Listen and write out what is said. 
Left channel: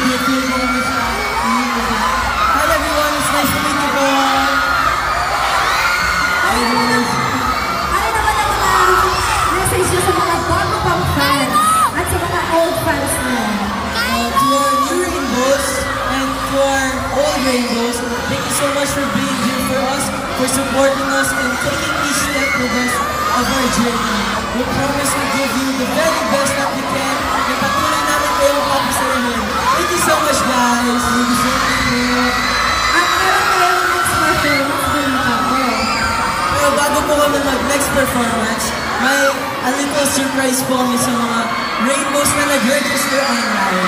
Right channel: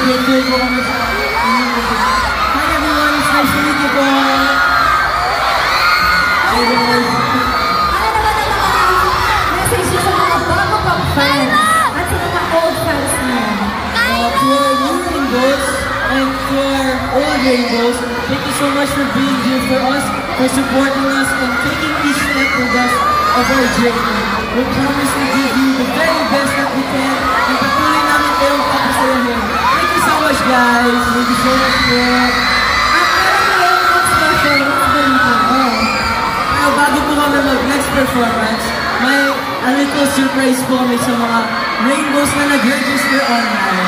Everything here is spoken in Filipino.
grateful po kami sa inyo. Hi everyone, it's nice to meet you po. Ano naman ang message niyo sa mga bago pang fans at sa mga old fans niyo? To our new rainbows and to our old rainbows, thank you so much for being here for us, for supporting us, and taking each step with us of our journey. We promise to give you the very best that we can, and patuloy namin kayong papasayahin. Thank you so much, guys. Thank you so much, man. Pero bago po kami mag-next performance, may a little surprise po kami sa mga rainbows na nag-register online.